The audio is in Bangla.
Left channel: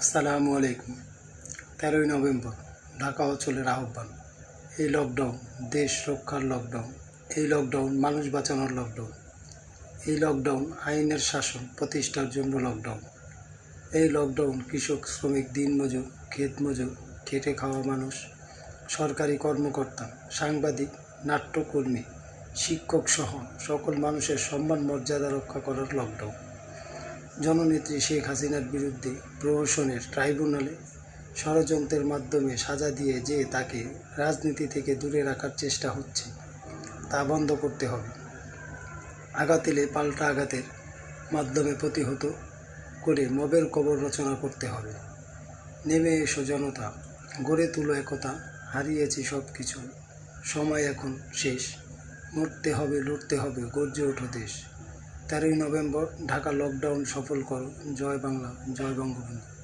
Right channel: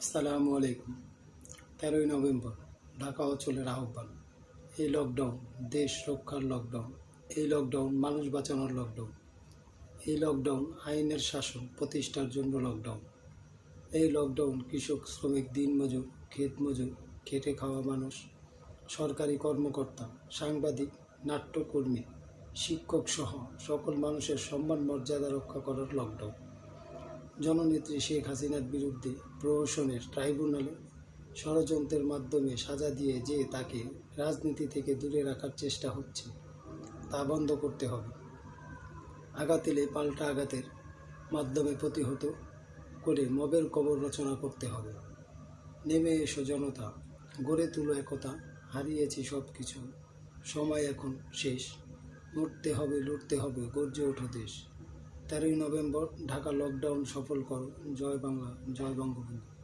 আসসালামু আলাইকুম। 13ই নভেম্বর ঢাকা অঞ্চলের আহ্বান। এই লকডাউন দেশ রক্ষার লকডাউন, এই লকডাউন মানুষ বাঁচানোর লকডাউন, এই লকডাউন আইনের শাসন প্রতিষ্ঠার জন্য লকডাউন, এই লকডাউন কৃষক, শ্রমিক, দিনমজুর, ক্ষেতমজুর, খেটে খাওয়া মানুষ, সরকারি কর্মকর্তা, সাংবাদিক, নাট্যকর্মী, শিক্ষক সহ সকল মানুষের সম্মান মর্যাদা রক্ষা করার লকডাউন। জননেত্রী শেখ হাসিনার বিরুদ্ধে প্রহসনের ট্রাইব্যুনালে ষড়যন্ত্রের মাধ্যমে সাজা দিয়ে যে তাকে রাজনীতি থেকে দূরে রাখার চেষ্টা হচ্ছে, তা বন্ধ করতে হবে। আঘাত এলে পাল্টা আঘাতের মাধ্যমে প্রতিহত করে মবের কবর রচনা করতে হবে। নেমে এসো জনতা, গড়ে তুলো একতা, হারিয়েছি সব কিছু, সময় এখন শেষ, মরতে হবে, লড়তে হবে, গর্জে ওঠো দেশ। 13ই নভেম্বর ঢাকা লকডাউন সফল করো। জয় বাংলা, জয় বঙ্গবন্ধু।